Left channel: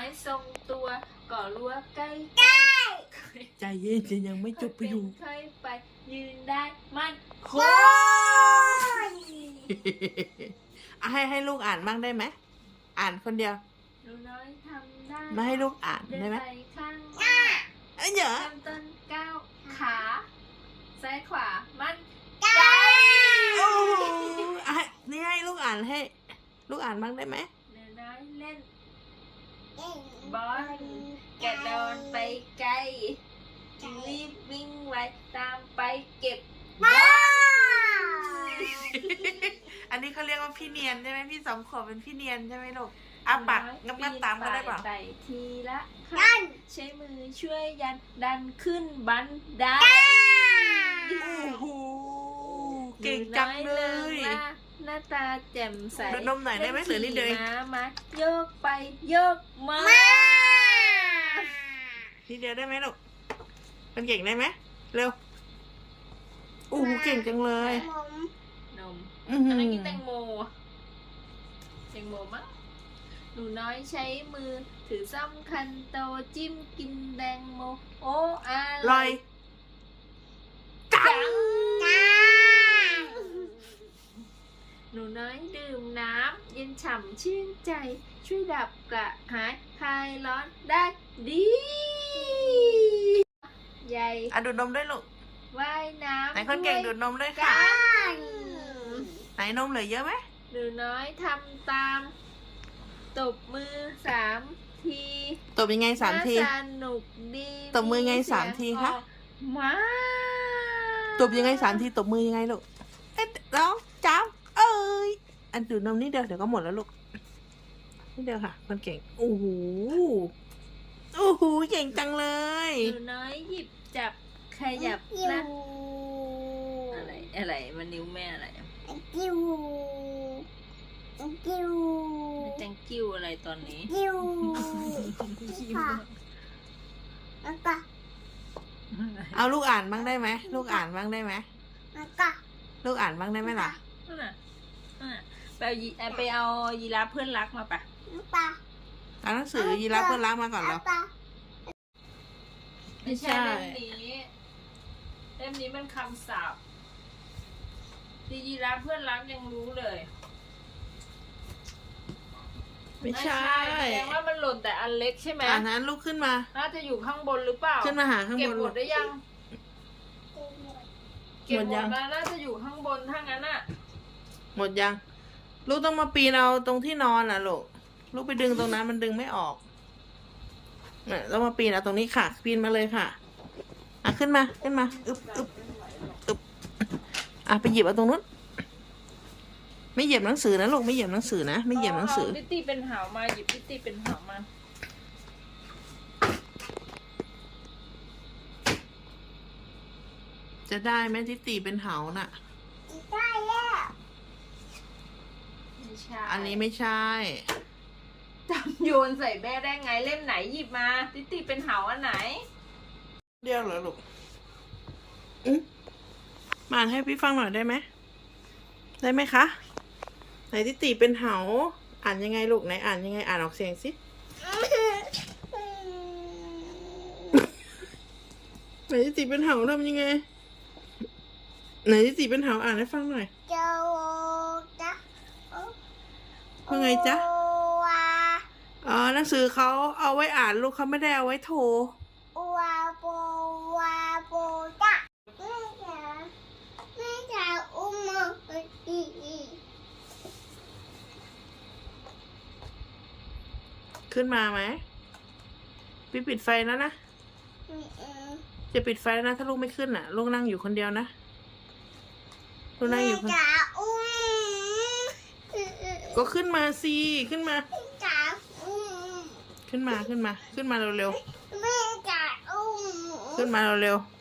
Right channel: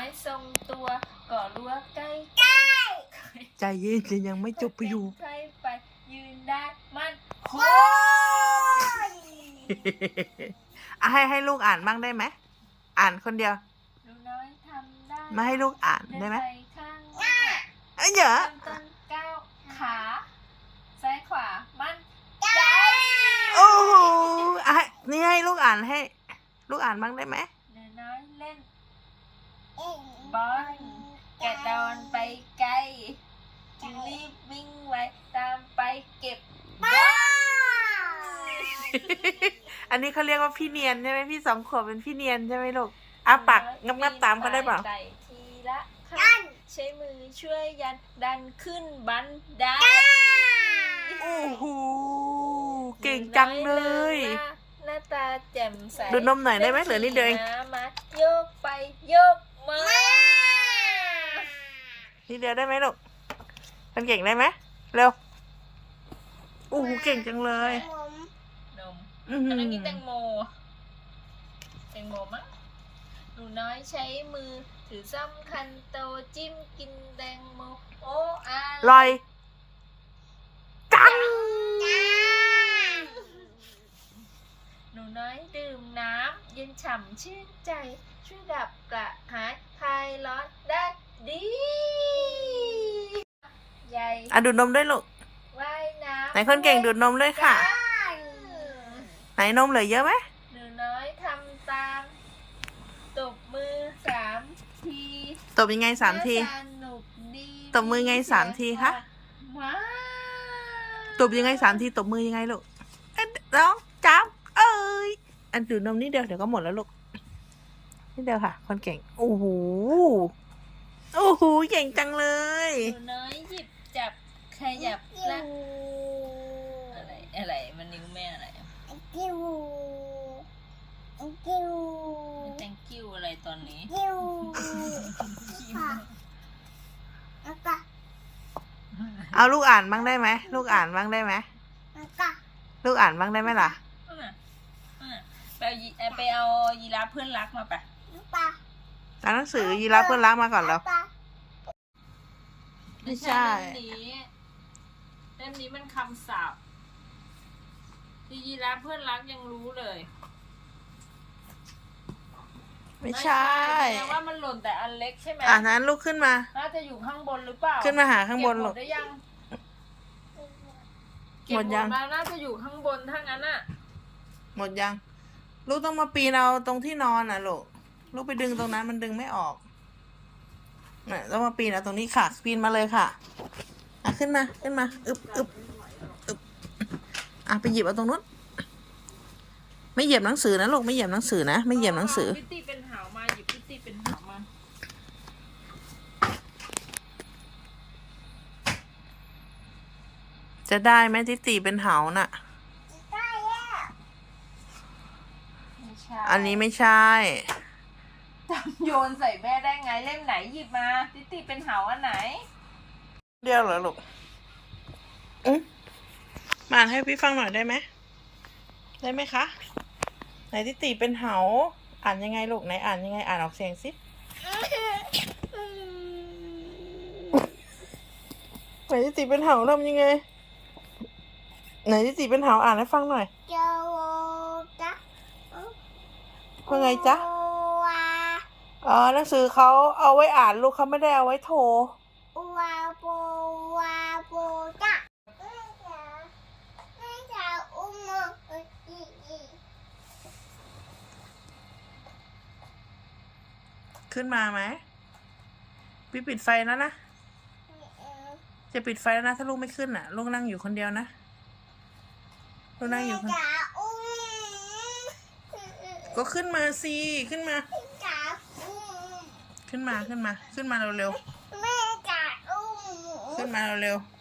อยทรงตัวก่อรั้วใกล้ใจเย็นยังไม่จบประโยคใครไปยืนได้มันโอ้ยอะให้ให้ลูกอ่านบ้างได้ไหมอ่านคนเดียวหนูน้อยทำได้มาให้ลูกอ่านเดินได้ไหมไปข้างหน้าเอ้ยเยอะเริ่มต้นก้าวขาซ้ายขวามันโอ้โหอะให้นี่ให้ลูกอ่านให้ ลูกอ่านบ้างได้ไหมหนูน้อยเล่น บอลกระโดนไปไกลรีบวิ่งไวตามไปเก็บบอลอันนี้เขาเรียกว่าพี่เนียนใช่ไหมพี่สองขวบเป็นพี่เนียนใช่ไหมลูกอ้าปากงับงับๆตามเขาได้เปล่าใส่ทีละขั้นใช้มือช่วยยันดันขึ้นบันไดโอ้โหเก่งจังเลย ตาแจ่มใสดูนมหน่อยได้ไหมเหลือนิดเดียวเองล่ขี่ม้ามาโยกไปโยกมา นิดเดียวได้ไหมลูกมันเก่งได้ไหมเร็วโอ้โหเก่งจังเลยนมอื้อหือันอนี้แตงโม แตงโมมั้งหนูน้อยใช้มือถือซ่อมคันโตจิ้มกินแตงโม โอ้อาลอย จัง หนูน้อยดื่มน้ำเย็นฉ่ำชื่นใจ ช่วยดับกระหายคลายร้อนได้ดีใหญ่อะดูดนมด้วยลูกว่ายน้ำไหนคนเก่งดูดนมด้วยค่ะไหนนมเหลือเยอะไหมหนูน้อยทำตามตบมือสามทีตบยังไงสามที น่สนุกดีตบมือไงสามทีคะมา ตบยังไงสามทีตบมือยังไงลูกเอ๊ะร้องจ้ำเอ้ย อันดูดนมนิดเดียวเดี๋ยวก็หมดแล้วลูกนิดเดียวค่ะ คนเก่ง โอ้โห โอ้โห เก่งจังเลย หนูน้อยหยิบจับขยับละอะไรอะไรมันนิ้วแม่อะไรจังกิ้วอะไรตอนนี้เอาลูกอ่านบ้างได้ไหม ลูกอ่านบ้างได้ไหมลูกอ่านบ้างได้ไหมล่ะนั่นน่ะนั่นน่ะ ไปเอายีเอ่อไปเอายีราฟเพื่อนรักมาปะอ่านหนังสือยีราฟเพื่อนรักมาก่อนแล้วไม่ใช่ เล่มนี้เล่มนี้มันคำศัพท์ที่ยีราฟเพื่อนรักยังรู้เลยไม่ใช่ แสดงว่ามันหล่นแต่อันเล็กใช่ไหมอ่านั้นลูกขึ้นมา น่าจะอยู่ข้างบนหรือเปล่าขึ้นมาหาข้างบนเก็บหลูมกดได้ยังหมดยัง เก็บแล้วน่าจะอยู่ข้างบนถ้างั้นอะ หมดยัง ลูกต้องมาปีนเอาตรงที่นอนอะลูก ลูกไปดึงตรงนั้นมันดึงไม่ออกน่ะต้องมาปีนเอาตรงนี้ค่ะ ปีนมาเลยค่ะ อะขึ้นมาขึ้นมา อึบอึบอึบอะไปหยิบเอาตรงนู้น ไม่เหยียบหนังสือนะลูกไม่เหยียบหนังสือนะไม่เหยียบหนังสือ พิตตี้เป็นหาวมาหยิบพิตตี้เป็นหาวมาจะได้ไหมที่ตีเป็นเหาน่ะ ไม่ใช่อันนี้ไม่ใช่ จำโยนใส่แม่ได้ไงเล่มไหนหยิบมาพิตตี้เป็นหาวอันไหน เดียวเหรอลูกอืมมาอ่านให้พี่ฟังหน่อยได้ไหม ได้ไหมคะ ไหนที่ตีเป็นเหา อ่านยังไงลูกไหนอ่านยังไงอ่านออกเสียงสิ ไหนที่ตีเป็นเหาทำยังไง ไหนที่ตีเป็นเหาอ่านให้ฟังหน่อย ว่าไงจ๊ะอ๋อหนังสือเขาเอาไว้อ่านลูกเขาไม่ได้เอาไว้โทรขึ้นมาไหมพี่ปิดไฟแล้วนะ จะปิดไฟแล้วนะ ถ้าลูกไม่ขึ้นอะ ลูกนั่งอยู่คนเดียวนะ ลูกนั่งอยู่คน ก็ขึ้นมาสิขึ้นมาขึ้นมาขึ้นมา ขึ้นมาเร็วๆขึ้นมาเร็วๆ